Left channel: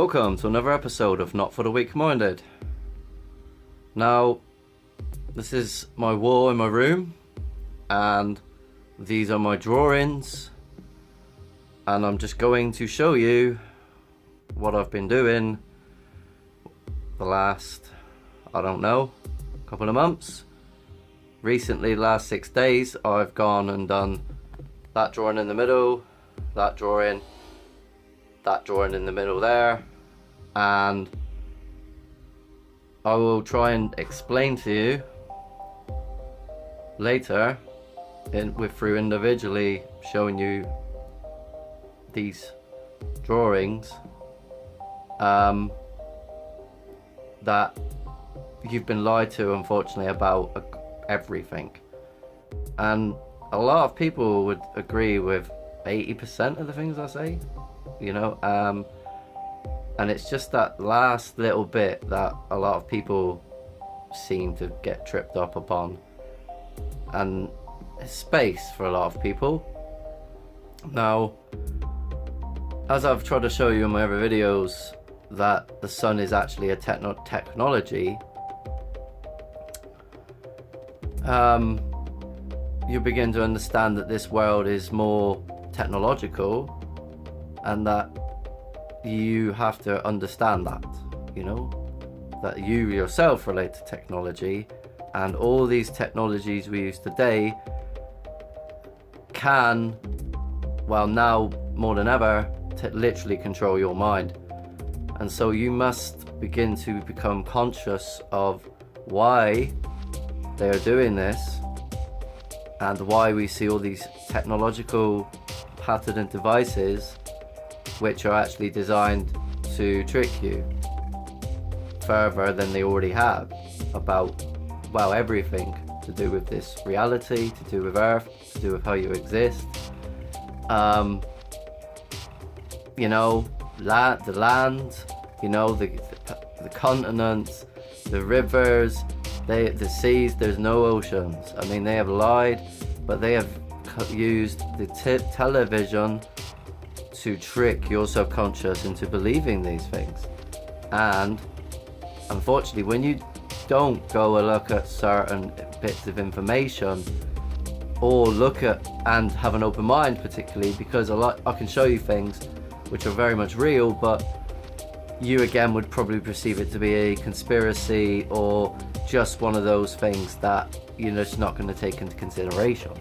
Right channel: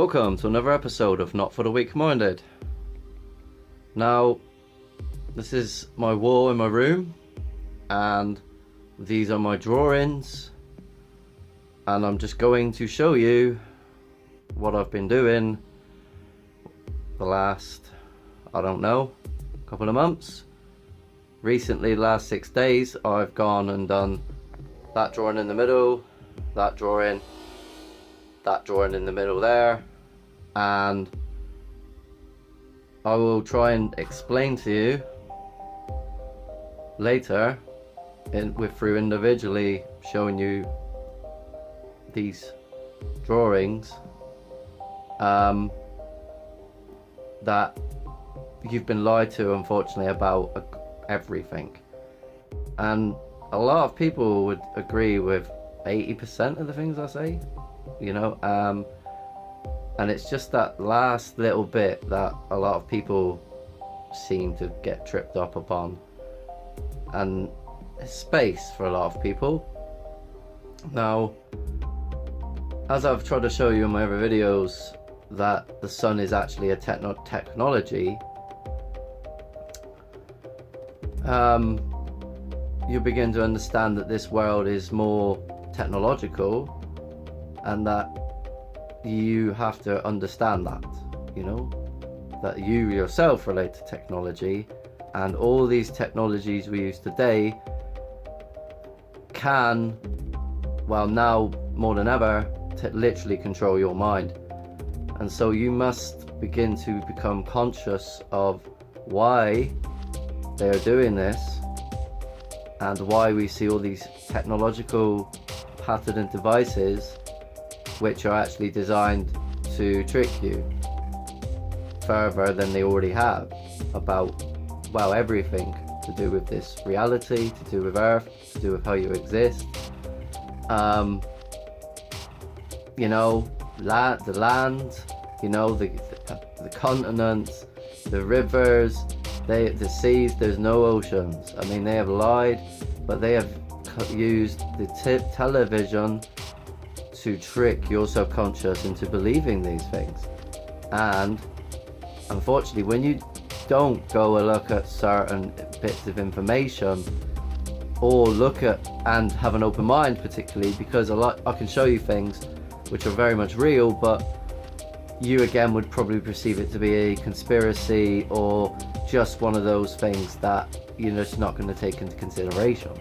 Welcome to another episode of Not for the Weak Minded. Now, this is my wall in my room, and these are my drawings, and I'm just going to show you what I've been doing the last, I don't know, couple of months. Recently, the last 6 days, I've gone and done that drawing in the middle, that drawing in the middle there, and I will try and explain to you later through individually showing you these drawings that you've been lied to, unfortunately, about everything. And a lot of people would agree with 80% of the things I say, and it's just that last little bit that a lot of people seem to get tripped up upon, and it's space for a lot of people. Now, as I've tried to show you in my other videos, that the sun is actually a technology, you begin to understand that this world is more technological, and that you have to understand that, that you yourself relate to technology, and all these technologies we use today can, well, now more than ever, literally control your mind. And so you must begin to become conscious of why they are doing this, and why we see all these technological patented devices which are actually designed to trick you further than they already have about, well, everything to do with this reality, to do with Earth, to do with how you exist. The land, the continents, the rivers, the seas. There's no oceans. I mean, they have lied, but they have used the television to trick your subconscious into believing these things. And unfortunately, when you don't go and look at certain bits of information, or look at and have an open mind, particularly because I can show you things which are very much real, but you again would probably perceive it to be a conspiracy or just one of those things that you're just not going to take into consideration.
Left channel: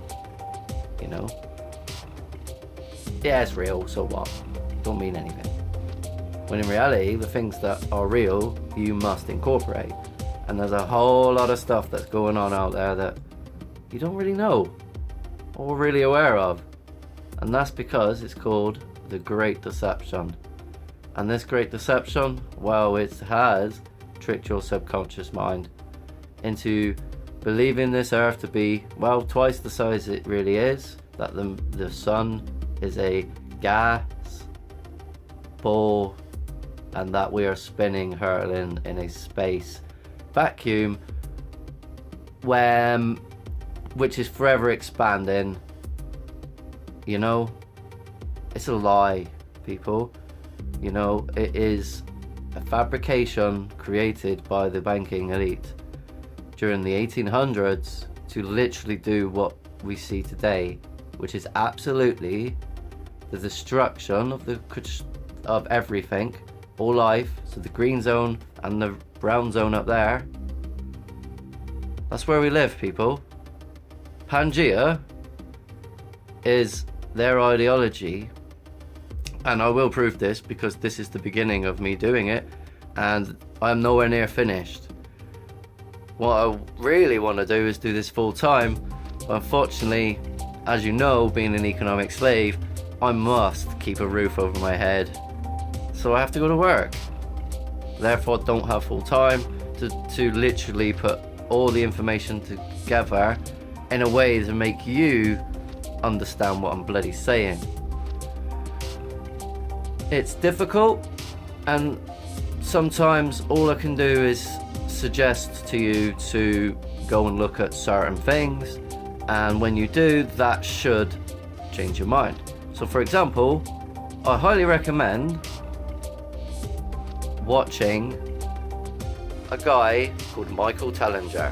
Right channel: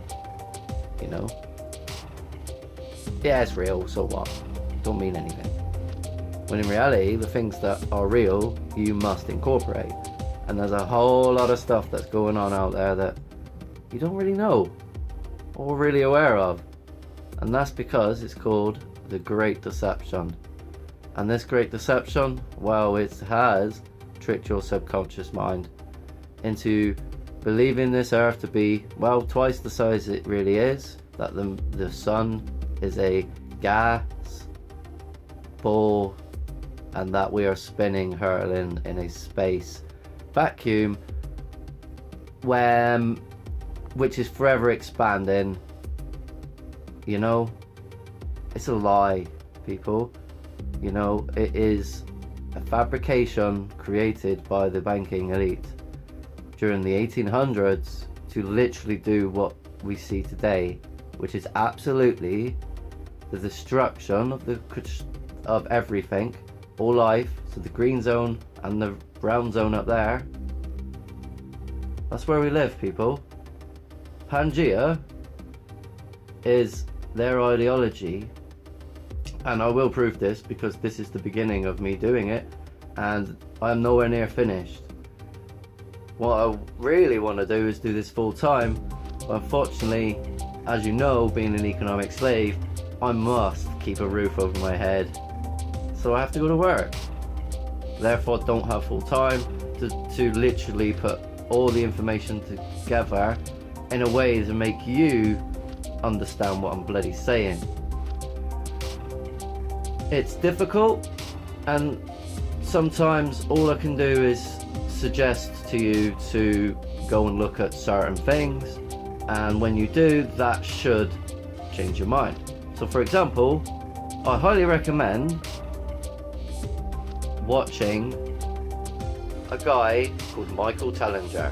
Yeah, it's real, so what? Don't mean anything. When in reality, the things that are real, you must incorporate. And there's a whole lot of stuff that's going on out there that you don't really know or really aware of. And that's because it's called the Great Deception. And this Great Deception, well, it has tricked your subconscious mind into believing this Earth to be, well, twice the size it really is, that the sun is a gas ball, and that we are spinning, hurtling in a space vacuum which is forever expanding. It's a lie, people. It is a fabrication created by the banking elite during the 1800s to literally do what we see today, which is absolutely the destruction of everything, all life. So the green zone and the brown zone up there, that's where we live, people. Pangea is their ideology, and I will prove this because this is the beginning of me doing it, and I'm nowhere near finished. What I really want to do is do this full time, but unfortunately, as you know, being an economic slave, I must keep a roof over my head, so I have to go to work. Therefore, don't have full time to literally put all the information together in a way to make you understand what I'm bloody saying. It's difficult, and sometimes all I can do is suggest to you to go and look at certain things, and when you do, that should change your mind. So for example, I highly recommend watching a guy called Michael Tellinger.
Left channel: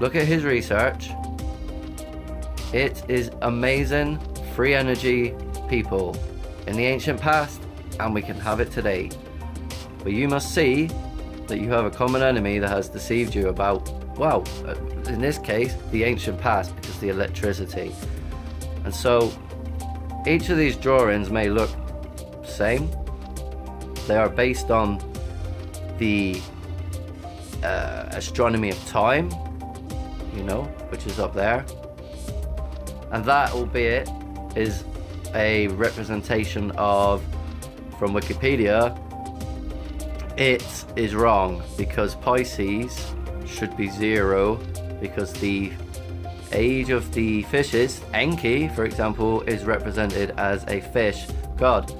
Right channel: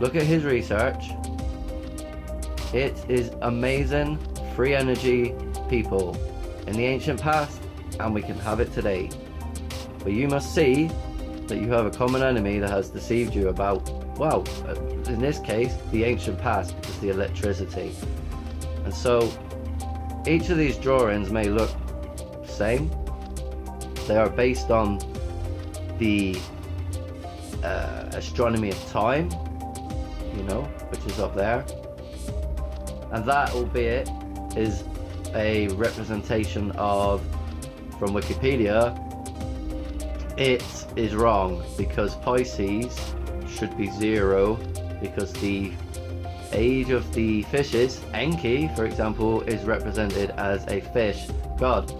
Look at his research. It is amazing. Free energy people in the ancient past, and we can have it today. But you must see that you have a common enemy that has deceived you about, well, in this case, the ancient past, because the electricity. And so each of these drawings may look the same. They are based on the astronomy of time, you know, which is up there. And that, albeit, is a representation of, from Wikipedia, it is wrong, because Pisces should be 0, because the age of the fishes, Enki, for example, is represented as a fish god.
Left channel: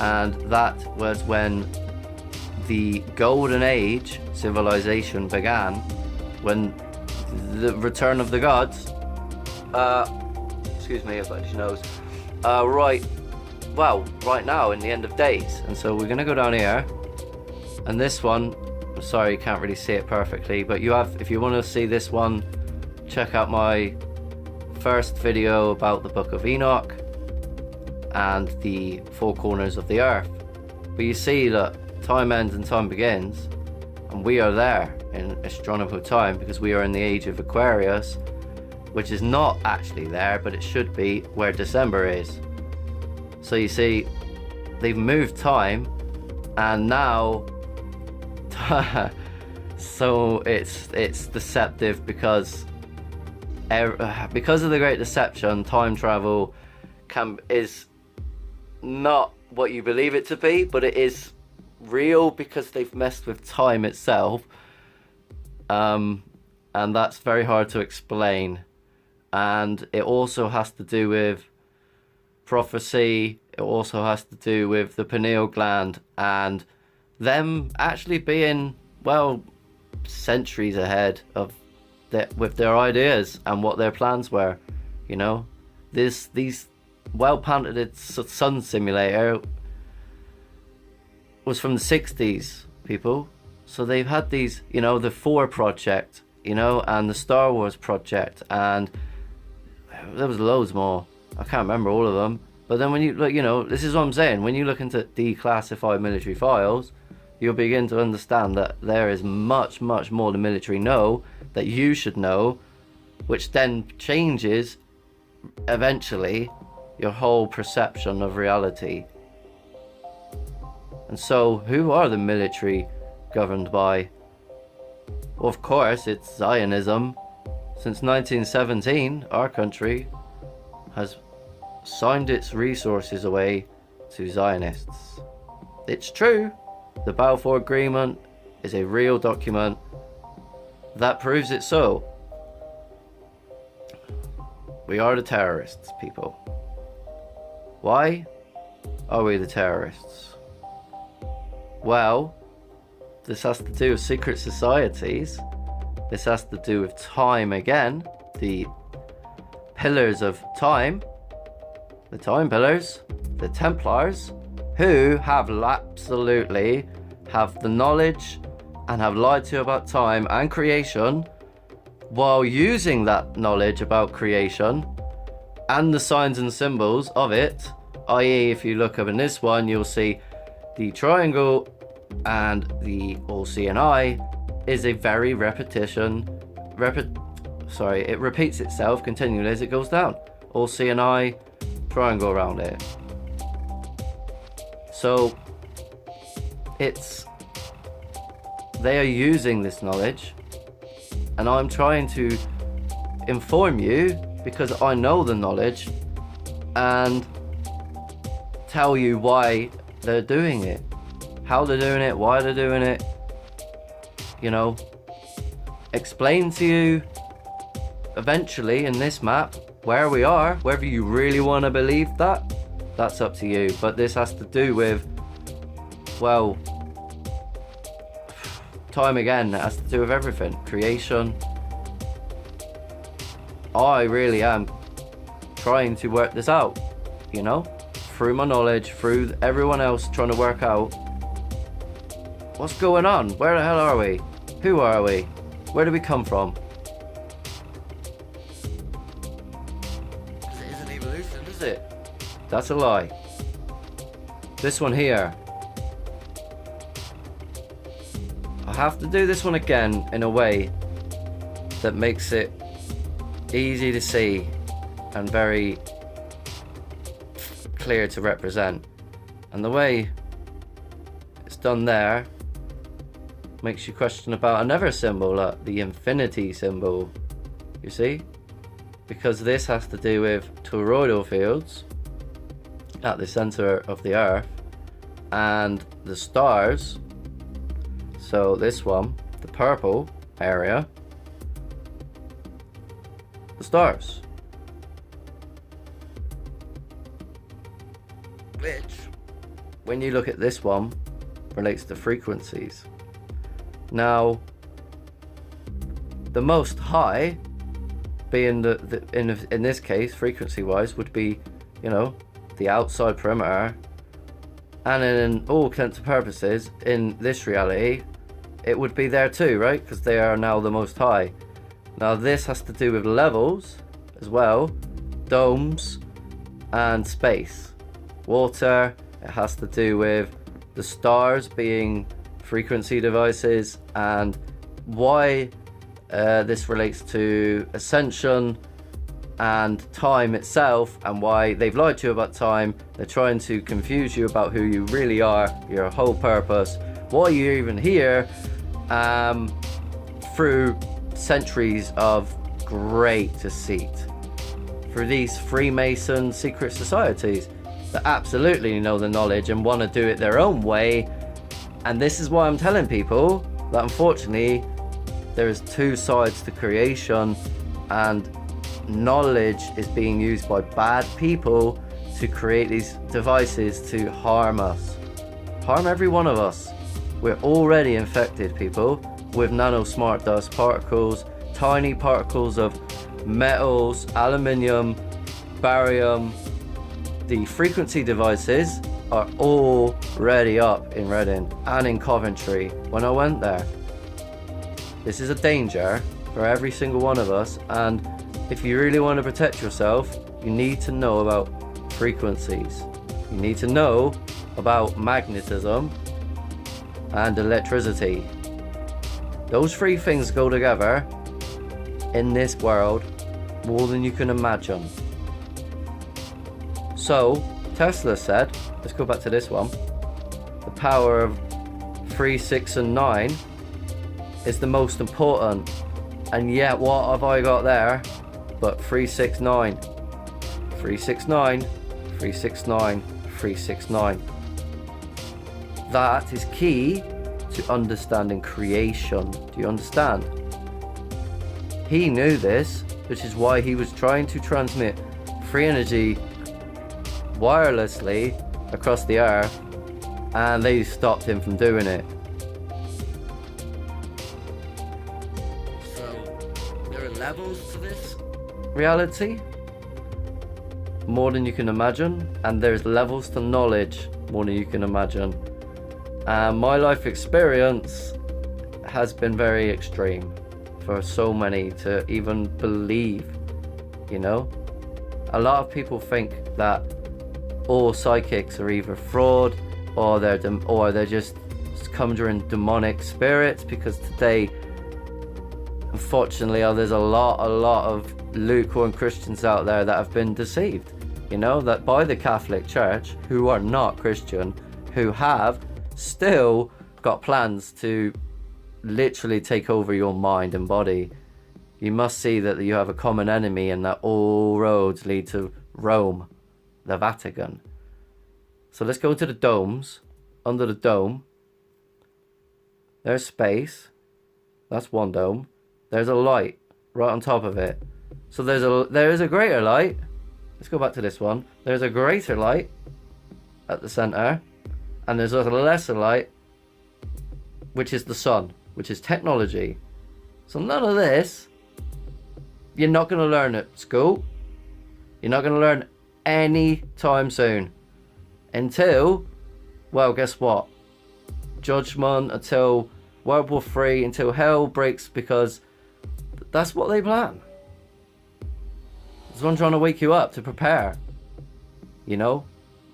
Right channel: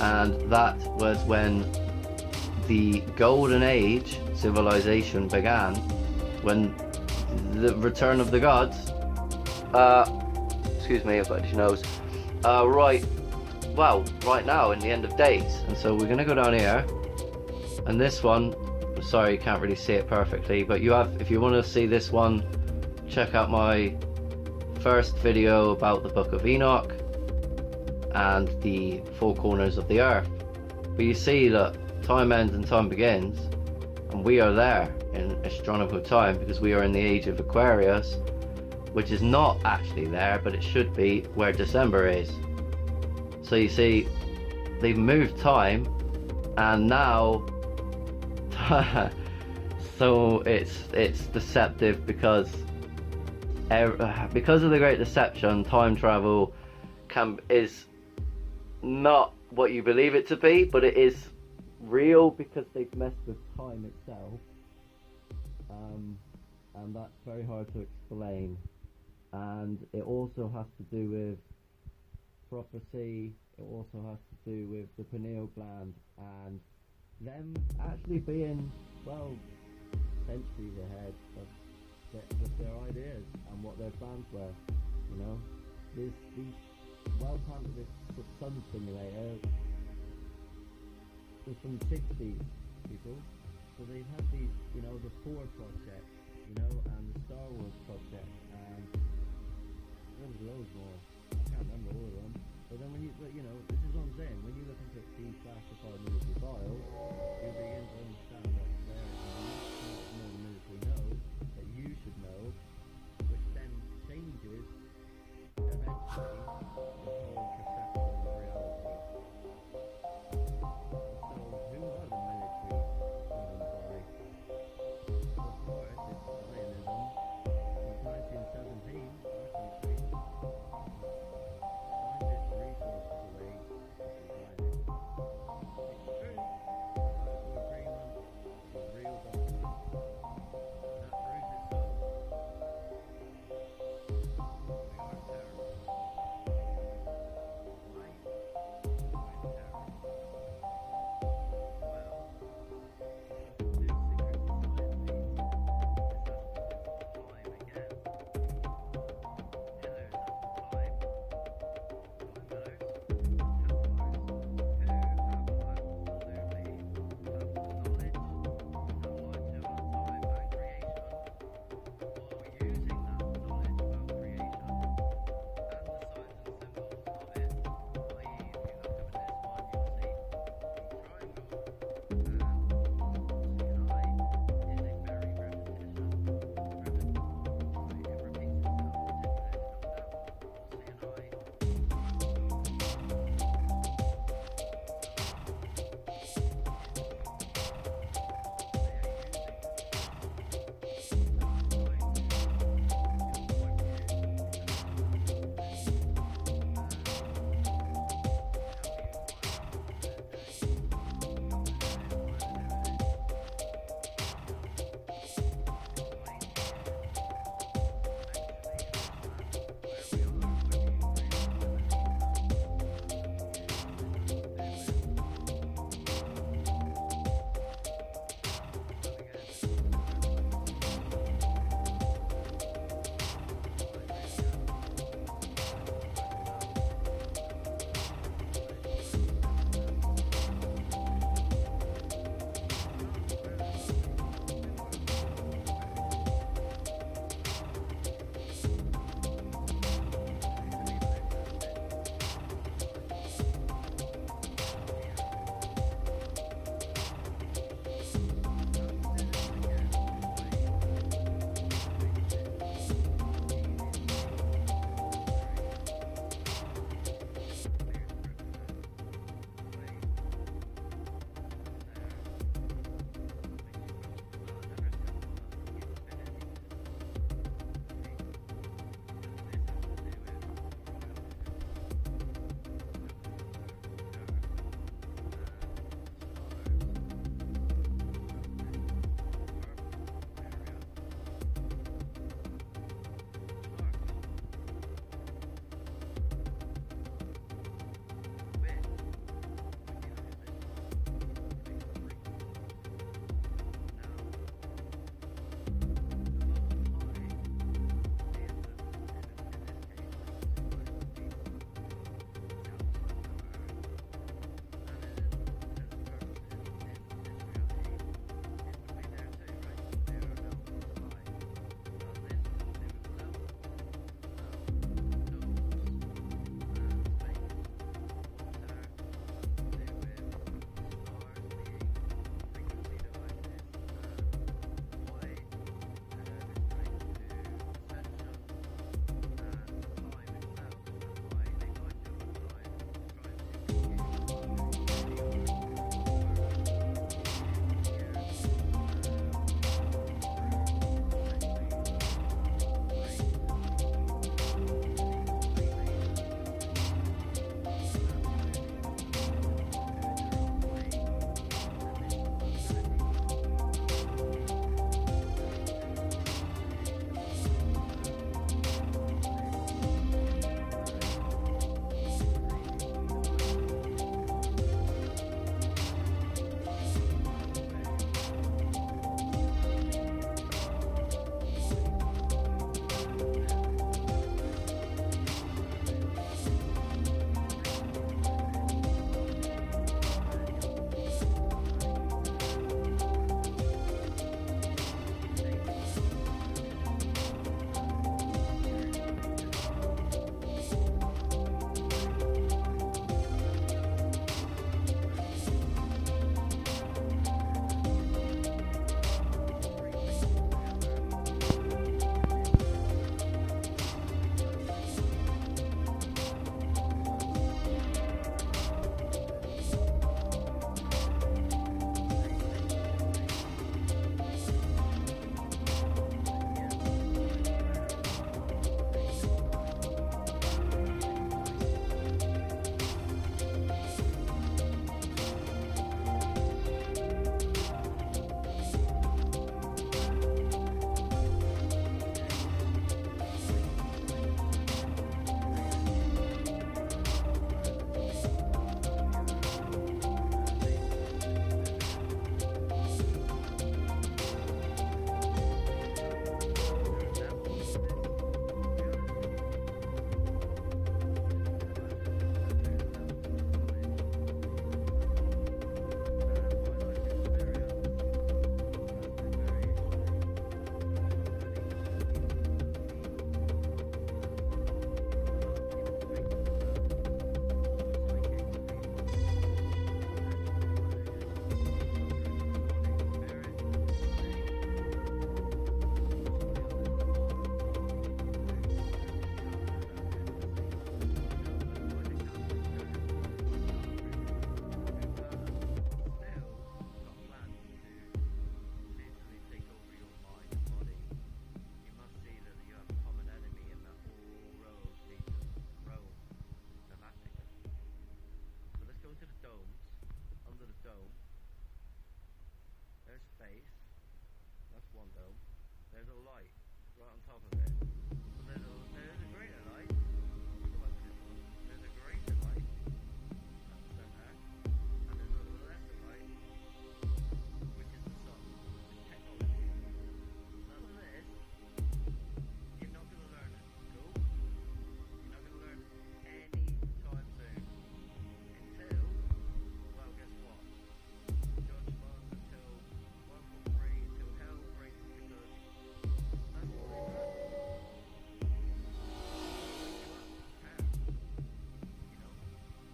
And that was when the Golden Age civilization began, when the return of the gods, excuse me, I've got itchy nose, right now in the end of days. And so we're going to go down here, and this one, sorry you can't really see it perfectly, but you have, if you want to see this one, check out my first video about the Book of Enoch and the four corners of the earth. But you see that time ends and time begins, and we are there in astronomical time, because we are in the age of Aquarius, which is not actually there, but it should be where December is. So you see, they've moved time, and now so it's deceptive, because of the Great Deception, time travel is not what you believe it to be, but it is real, because they've messed with time itself, and that's very hard to explain. And it also has to do with prophecy. It also has to do with the pineal gland, and them actually being, well, centuries ahead of with their ideas and what their plans were. You know, these well-patented sun simulator was from the 60s, people. So they've had these, you know, the 4 project, you know, and the Star Wars project, and there was loads more. I can't remember all of them. But then when you look, you know, this is what I'm saying, when you look into declassified military files, you'll begin to understand that there is much, much more the military know that you should know, which then changes eventually your whole perception of reality. And so, who are the military governed by? Well, of course, it's Zionism. Since 1917, our country has signed its resources away to Zionists. It's true. The Balfour Agreement is a real document that proves it so. We are the terrorists, people. Why are we the terrorists? Well, this has to do with secret societies. This has to do with time again. The pillars of time. The time pillars. The Templars. Who have absolutely have the knowledge and have lied to you about time and creation, while using that knowledge about creation and the signs and symbols of it, i.e. if you look up in this one, you'll see the triangle and the all seeing eye is a very it repeats itself continually as it goes down. All seeing eye, triangle around it. So they are using this knowledge, and I'm trying to inform you, because I know the knowledge, and tell you why they're doing it, how they're doing it, why they're doing it, you know, explain to you eventually in this map where we are. Whether you really want to believe that, that's up to you. But this has to do with, well, time again. It has to do with everything. Creation. I really am trying to work this out, you know, through my knowledge, through everyone else trying to work out What's going on? Where the hell are we? Who are we? Where do we come from? It isn't evolution, is it? That's a lie. This one here. I have to do this one again in a way that makes it easy to see and very clear to represent. And the way it's done there makes you question about another symbol, like the infinity symbol, you see? Because this has to do with toroidal fields at the center of the earth and the stars. So this one, the purple area, the stars, which when you look at this one relates to frequencies. Now the most high being in this case frequency wise would be, you know, the outside perimeter, and in all intents and purposes in this reality it would be there too, right? Because they are now the most high. Now this has to do with levels as well, domes and space, water. It has to do with the stars being frequency devices, and why this relates to ascension and time itself, and why they've lied to you about time. They're trying to confuse you about who you really are, your whole purpose, why you're even here, through centuries of great deceit, through these Freemason secret societies that absolutely know the knowledge and want to do it their own way. And this is why I'm telling people that unfortunately there is two sides to creation, and knowledge is being used by bad people to create these devices to harm us, harm every one of us. We're already infected, people, with nano smart dust particles, tiny particles of metals, aluminium, barium. The frequency devices are already up in Reading and in Coventry when I went there. This is a danger for every single one of us, and if you really want to protect yourself, you need to know about frequencies. You need to know about magnetism and electricity. Those three things go together in this world more than you can imagine. So Tesla said, let's go back to this one, the power of 3, 6 and 9 is the most important. And yet what have I got there but 369, 369, 369, 369. That is key to understanding creation. Do you understand? He knew this, which is why he was trying to transmit free energy wirelessly across the earth, and they stopped him from doing it. So there are levels to this reality, more than you can imagine, and there's levels to knowledge more than you can imagine. And my life experience has been very extreme for so many to even believe, you know. A lot of people think that all psychics are either fraud or they're just conjuring demonic spirits, because today, unfortunately, there's a lot of lukewarm Christians out there that have been deceived, you know, that by the Catholic Church, who are not Christian, who have still got plans to literally take over your mind and body. You must see that you have a common enemy, and that all roads lead to Rome, the Vatican. So let's go to the domes. Under the dome, there's space. That's one dome. There's a light right on top of it. So there is a greater light. Let's go back to this one. There's a greater light at the center, and there's a lesser light, which is the sun, which is technology. So none of this you're not going to learn at school. You're not going to learn any time soon, until, well, guess what? judgment, until World War III, until hell breaks, because that's what they plan. There's one trying to wake you up to prepare, you know,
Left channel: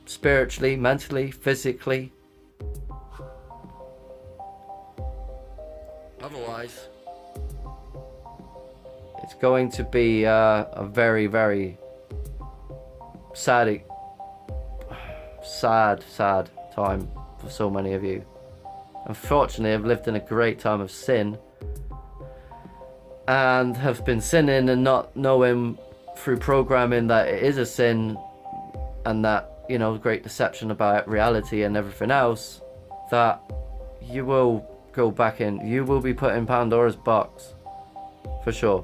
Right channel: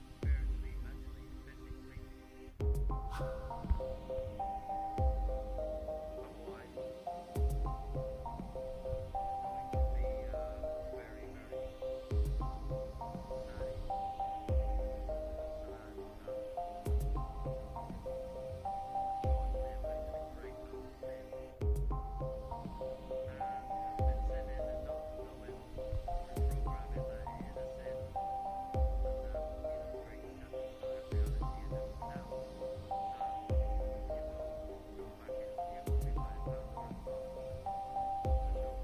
spiritually, mentally, physically. Otherwise, it's going to be a very, very sad time for so many of you. Unfortunately, I've lived in a great time of sin and have been sinning and not knowing through programming that it is a sin, and that, you know, great deception about reality and everything else, that you will go back in, you will be put in Pandora's box for sure.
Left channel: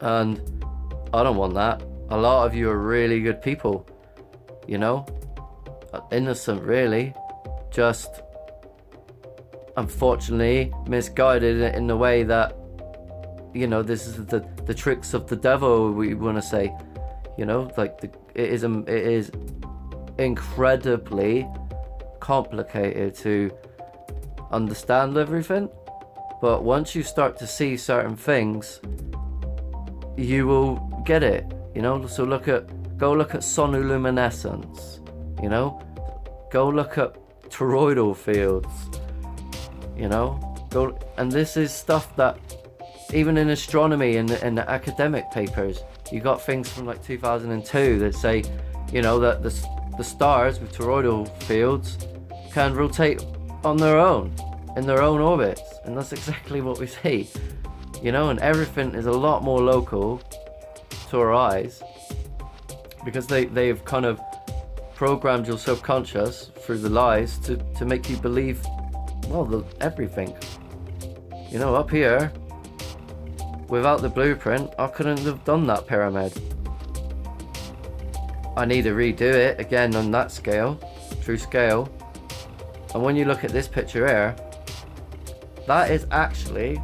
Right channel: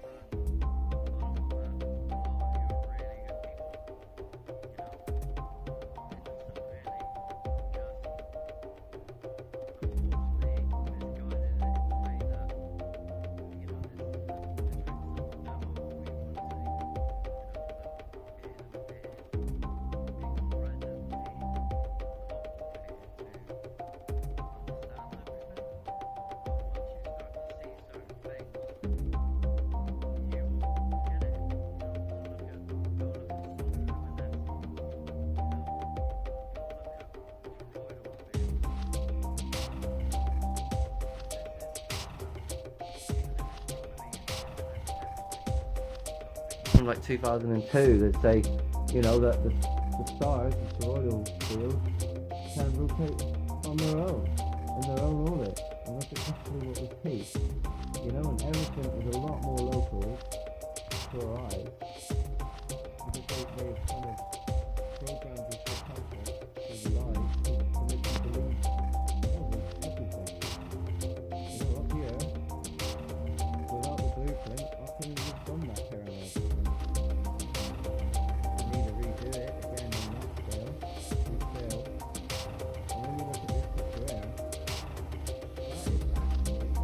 And I don't want that. A lot of you are really good people, you know, innocent really, just unfortunately misguided in the way that, you know, this is the tricks of the devil, we want to say, you know, like it is incredibly complicated to understand everything, but once you start to see certain things, you will get it, you know. So go look at sonoluminescence, you know, go look at toroidal fields, you know, and this is stuff that even in astronomy and in the academic papers, you got things from like 2002 that say, you know, that the stars with toroidal fields can rotate on their own, in their own orbits, and that's exactly what we see, you know. And everything is a lot more local to our eyes, because they've kind of programmed your subconscious through the lies to make you believe, well, everything, you know. Up here, without the blueprint, I couldn't have done that pyramid. I need to redo it again on that scale, true scale. And when you look at this picture here, that is actually,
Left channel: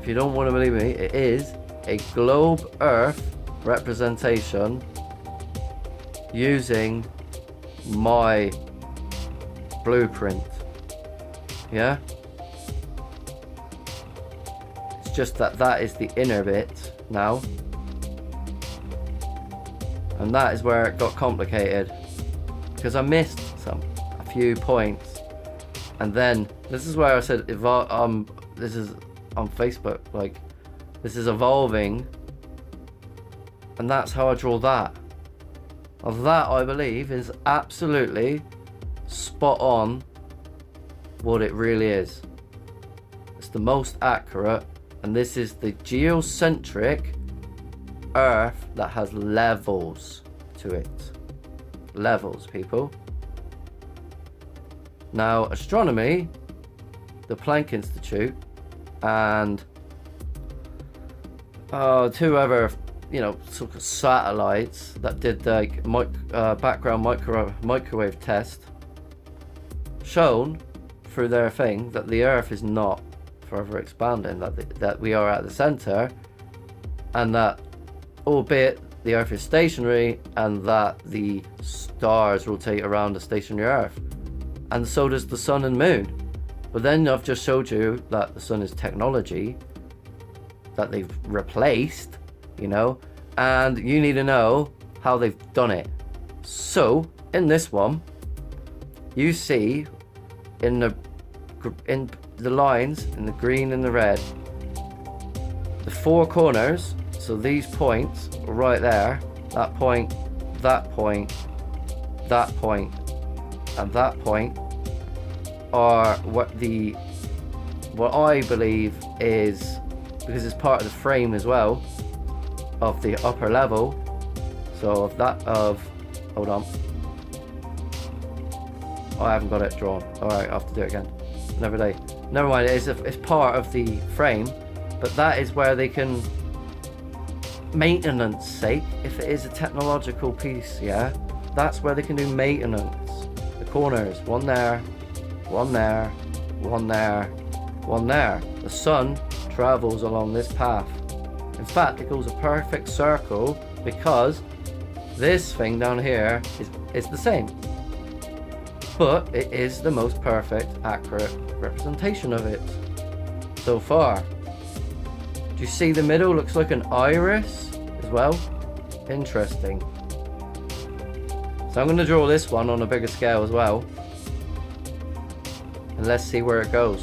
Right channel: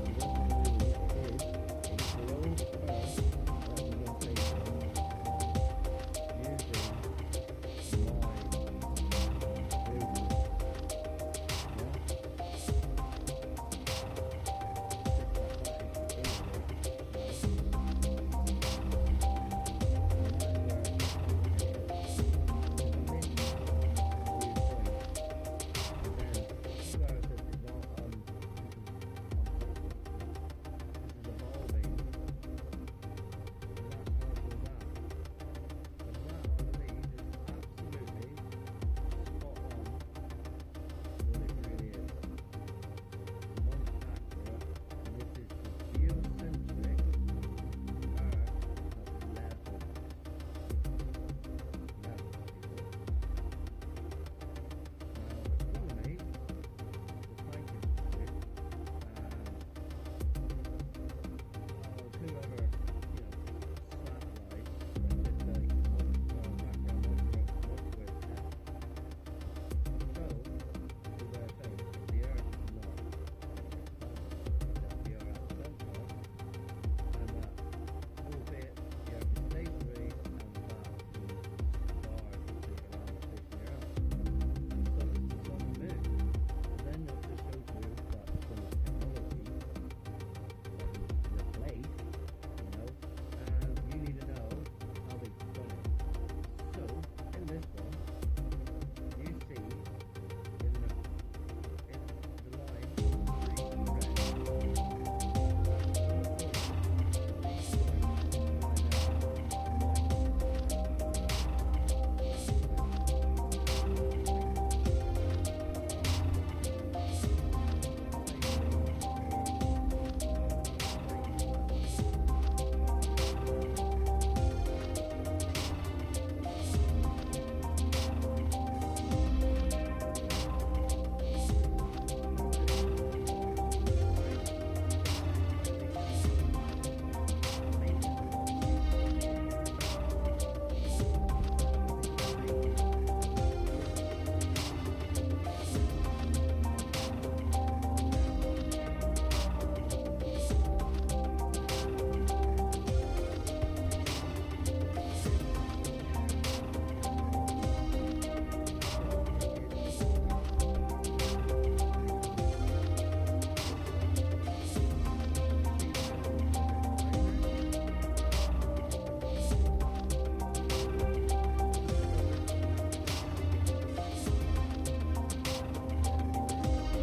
if you don't want to believe me, it is a globe Earth representation using my blueprint. Yeah? It's just that is the inner bit now. And that is where it got complicated, because I missed a few points. And then this is where I said, this is on Facebook, like, this is evolving, and that's how I draw that. Of that, I believe, is absolutely spot on what it really is. It's the most accurate, and this is the geocentric Earth that has levels to it. Levels, people. Now, astronomy, the Planck Institute, and two other, you know, sort of satellites that did the background microwave test, shown through their thing that the Earth is not forever expanding, that we are at the center, and that, albeit the Earth is stationary, and that the stars rotate around the stationary Earth, and so does the sun and moon. But then I've just showed you that the sun is technology that they've replaced, you know, and you need to know how they've done it. So in this one, you see in the lines, in the green and the red, the four corners. So these points right there, that point, that point, that point, and that point, are what I believe is, because it's part of the frame as well of the upper level. So hold on, oh, I haven't got it drawn. Alright, I'll have to do it again. Never mind, it's part of the frame, but that is where they can, maintenance sake, if it is a technological piece, yeah, that's where they can do maintenance. The corners, one there, one there, one there, one there. The sun travels along this path. In fact, it goes a perfect circle, because this thing down here is the same. but it is the most perfect, accurate representation of it so far. Do you see the middle looks like an iris as well? Interesting. So I'm going to draw this one on a bigger scale as well, and let's see where it goes.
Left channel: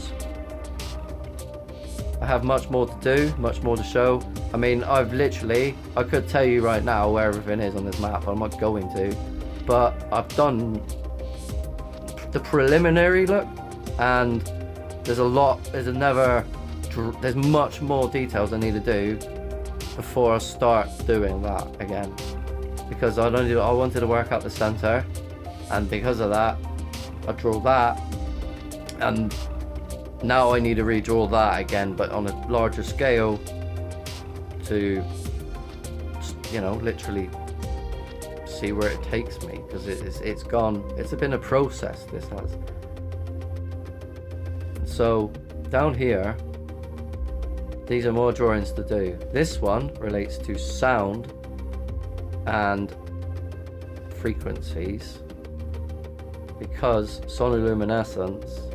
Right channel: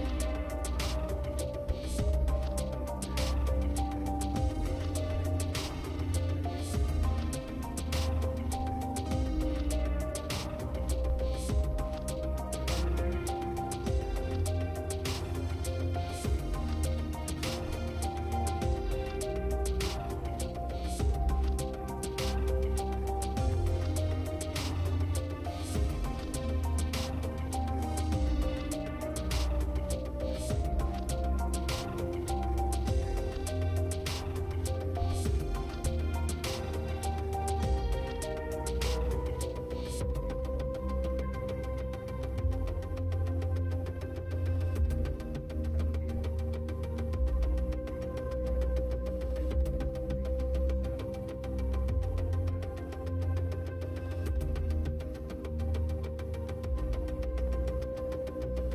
I have much more to do, much more to show. I mean, I could tell you right now where everything is on this map. I'm not going to, but I've done the preliminary look, and there's much more details I need to do before I start doing that again, because I wanted to work out the center, and because of that I draw that, and now I need to redraw that again, but on a larger scale, to, you know, literally see where it takes me, because it's been a process, this has. So down here, these are more drawings to do. This one relates to sound and frequencies, because sonoluminescence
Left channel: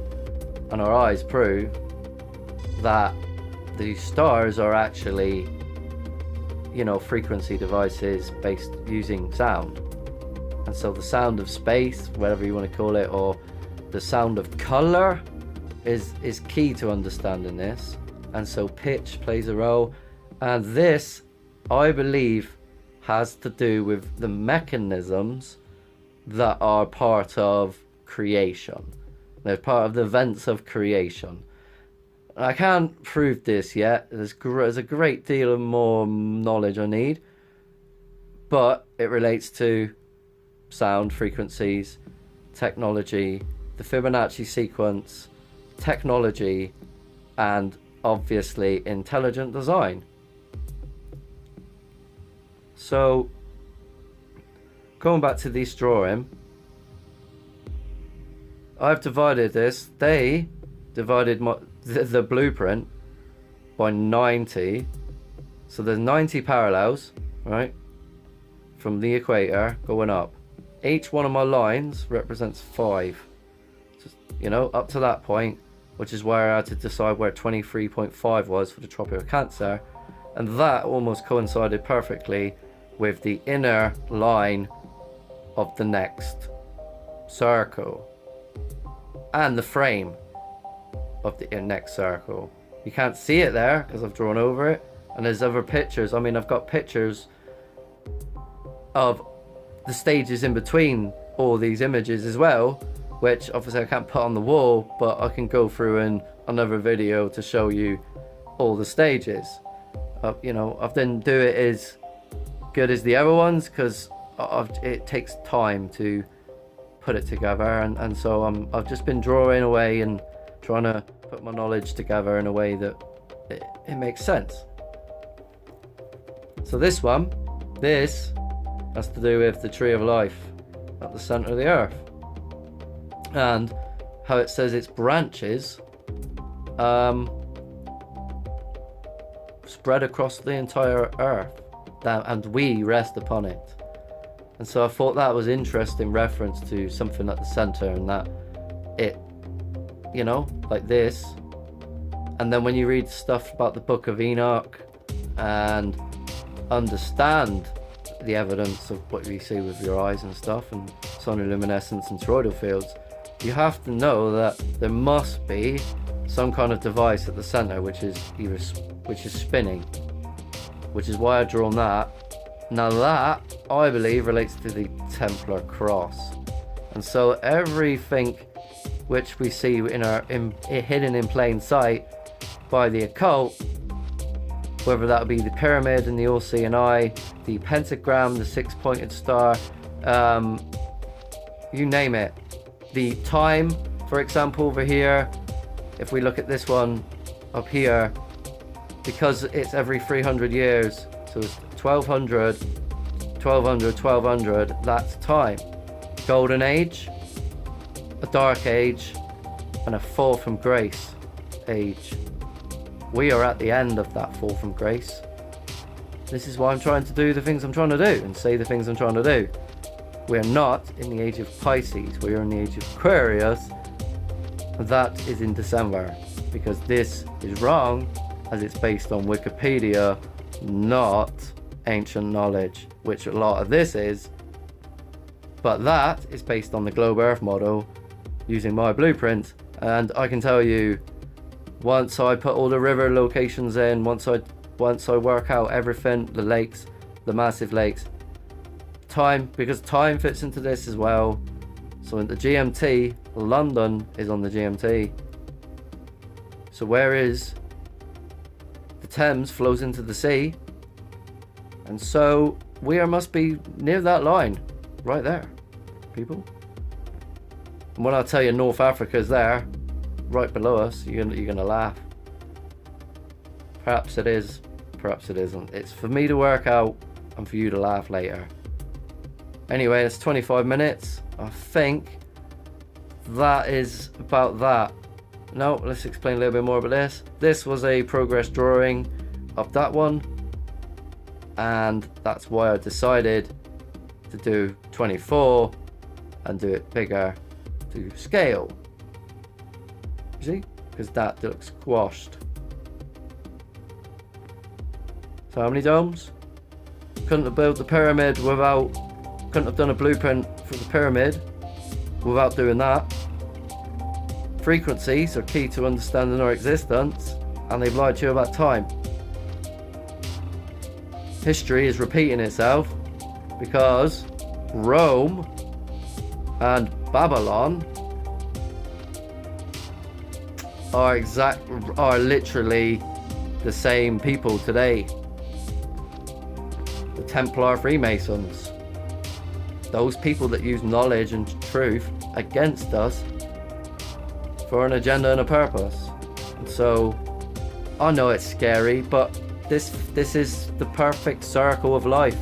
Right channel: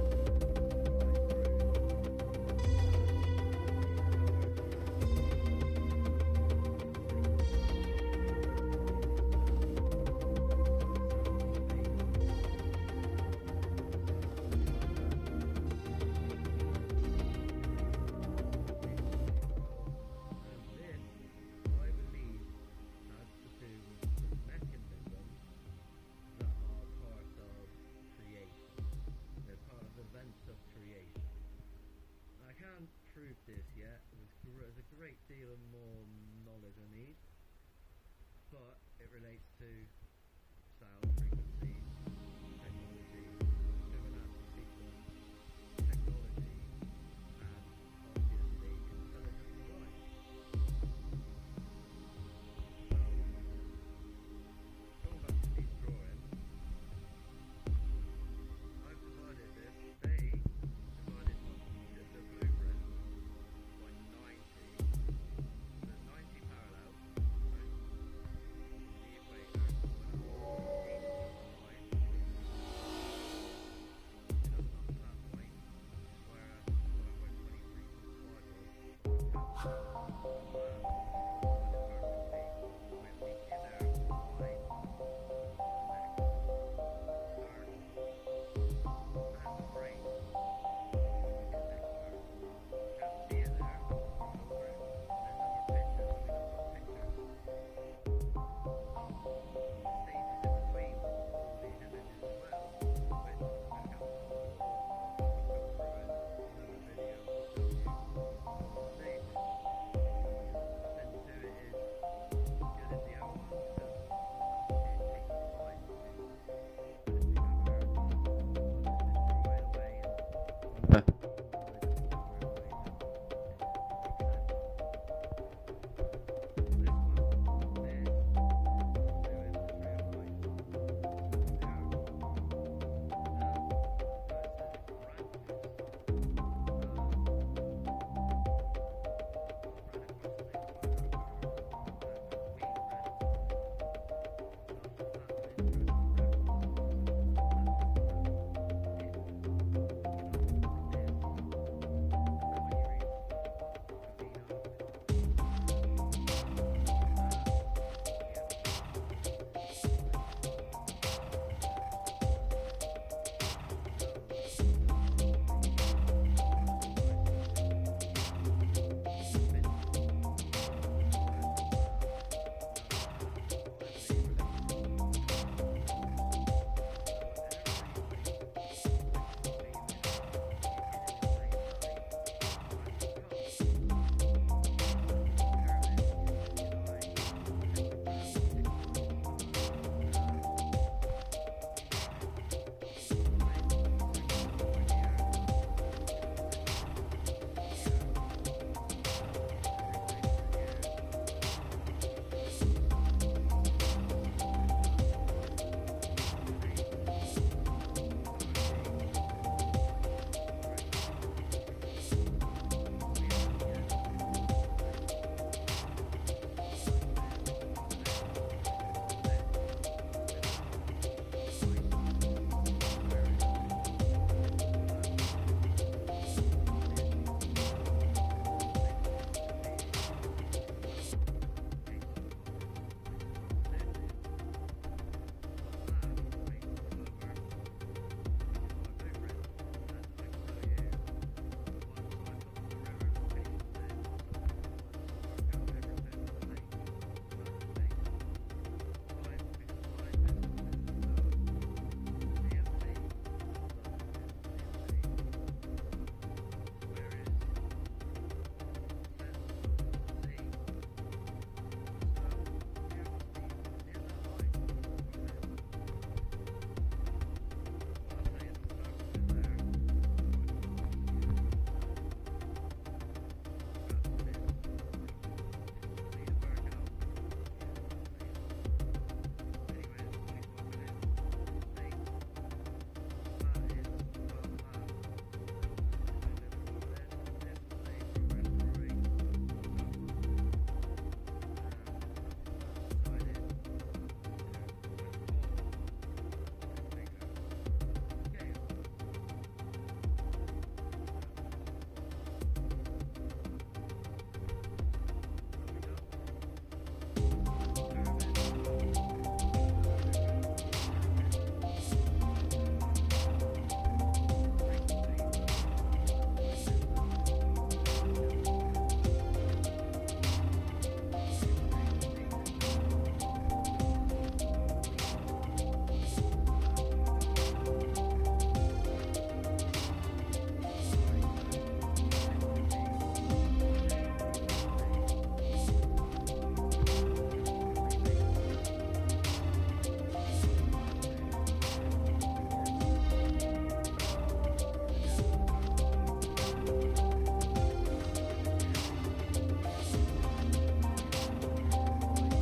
and our eyes prove that the stars are actually, you know, frequency devices based using sound. And so the sound of space, whatever you want to call it, or the sound of color is key to understanding this. And so pitch plays a role, and this, I believe, has to do with the mechanisms that are part of creation. They're part of the events of creation. I can't prove this yet. There's a great deal of more knowledge I need, but it relates to sound frequencies, technology, the Fibonacci sequence, technology, and obviously intelligent design. So going back to this drawing, I've divided this. They divided the blueprint by 90, so there's 90 parallels, right, from the equator going up. Each one of my lines represents 5, just, you know, up to that point, which is where I had to decide where 23.5 was for the Tropic of Cancer, and that almost coincided perfectly with the inner line of the next circle and the frame of the next circle. You can't see it there because I've drawn over it, and there's other pictures. I mean, I've got pictures of the stages in between all these images as well, which obviously I can't put on the wall, but I can go through in another video to show you all the stages. You know, I didn't do it as good as the other ones because it takes time to put it together, and so I've just been drawing away and trying to put my knowledge together in a way that it makes sense. So this has to do with the tree of life at the center of the earth, and how it says its branches spread across the entire earth, and we rest upon it. And so I thought that was interesting reference to something at the center, and that it, you know, like this. And then when you read stuff about the Book of Enoch and understand the evidence of what you see with your eyes and stuff, and sonoluminescence and toroidal fields, you have to know that there must be some kind of device at the center which is spinning, which is why I've drawn that. Now that, I believe, relates to the Templar cross. And so everything which we see hidden in plain sight by the occult, whether that be the pyramid and the all-seeing eye, the pentagram, the six-pointed star, you name it. The time, for example, over here, if we look at this one up here, because it's every 300 years, so it's 1200, 1200, 1200, that's time. Golden Age, a Dark Age, and a Fall from Grace age. We are at the end of that Fall from Grace. This is why I'm trying to do the things I'm trying to do and say the things I'm trying to do. We're not in the age of Pisces, we are in the age of Aquarius. That is in December, because this is wrong, as it's based on Wikipedia, not ancient knowledge, which a lot of this is. But that is based on the globe earth model using my blueprint, and I can tell you, once I put all the river locations in, once I work out everything, the lakes, the massive lakes, time, because time fits into this as well. So in the GMT, London is on the GMT. So whereas the Thames flows into the sea, and so we must be near that line, right there, people. And when I tell you North Africa is there, right below us, you're gonna laugh. Perhaps it is, perhaps it isn't. It's for me to work out and for you to laugh later. Anyway, it's 25 minutes. I think that is about that. No, let's explain a little bit more about this. This was a progress drawing of that one, and that's why I decided to do 24 and do it bigger to scale. You see? Because that looks squashed. So how many domes? Couldn't have built the pyramid without, couldn't have done a blueprint for the pyramid without doing that. Frequencies are key to understanding our existence, and they've lied to you about time. History is repeating itself because Rome and Babylon are literally the same people today. The Templar Freemasons, those people that use knowledge and truth against us for an agenda and a purpose. So I know it's scary, but this is the perfect circle of life.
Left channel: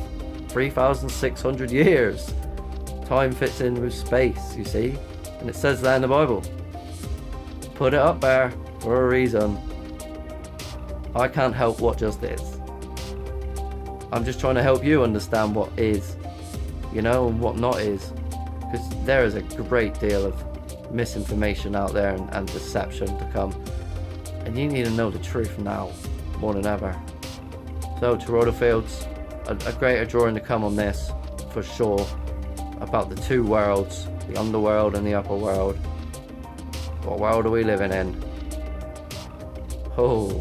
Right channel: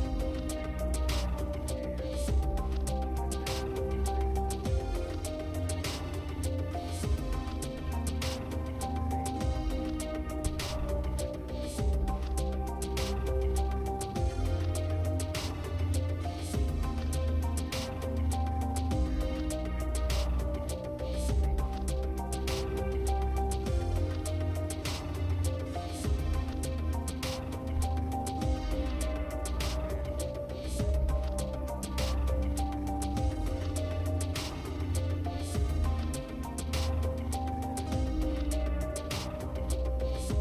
3,600 years. Time fits in with space, you see, and it says that in the Bible. Put it up there for a reason. I can't help what just is. I'm just trying to help you understand what is, you know, and what not is, because there is a great deal of misinformation out there and deception to come, and you need to know the truth now more than ever. So Toronto Fields, a greater drawing to come on this for sure, about the two worlds, the underworld and the upper world. What world are we living in? Oh,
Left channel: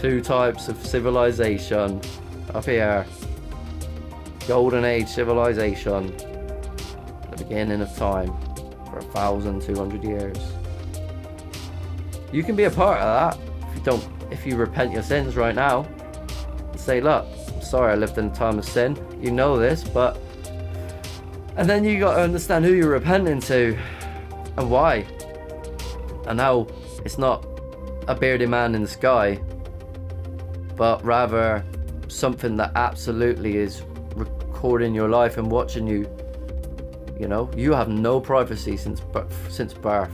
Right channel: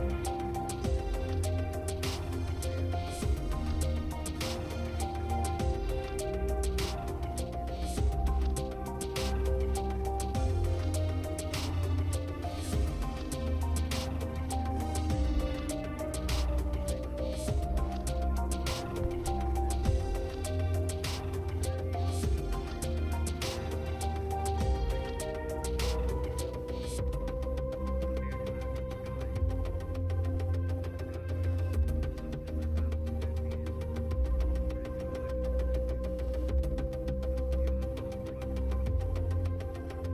two types of civilization up here. Golden Age civilization, the beginning of time for 1,200 years. You can be a part of that if you repent your sins right now. Say, look, sorry I lived in a time of sin. You know this, but... And then you got to understand who you're repenting to and why. And how it's not a bearded man in the sky, but rather something that absolutely is recording your life and watching you. You know, you have no privacy since birth.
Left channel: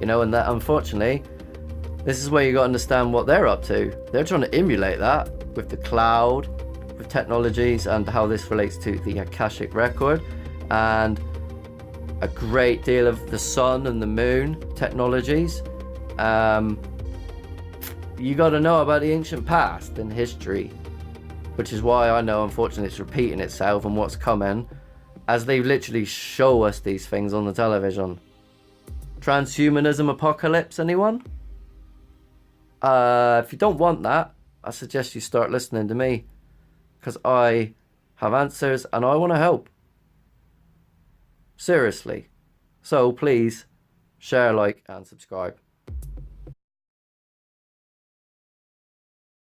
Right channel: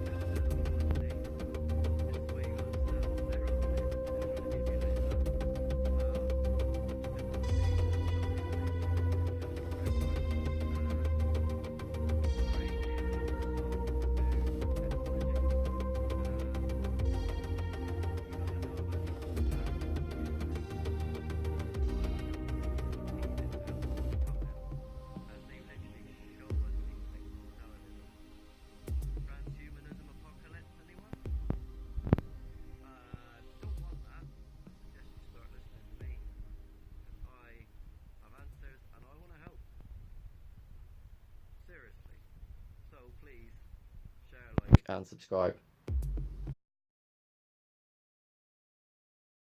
You know, and that, unfortunately, this is where you got to understand what they're up to. They're trying to emulate that with the cloud, with technologies, and how this relates to the Akashic record, and a great deal of the sun and the moon technologies. You got to know about the ancient past and history, which is why I know, unfortunately, it's repeating itself and what's coming, as they literally show us these things on the television. Transhumanism apocalypse, anyone? If you don't want that, I suggest you start listening to me, because I have answers and I want to help. Seriously. So please share, like and subscribe.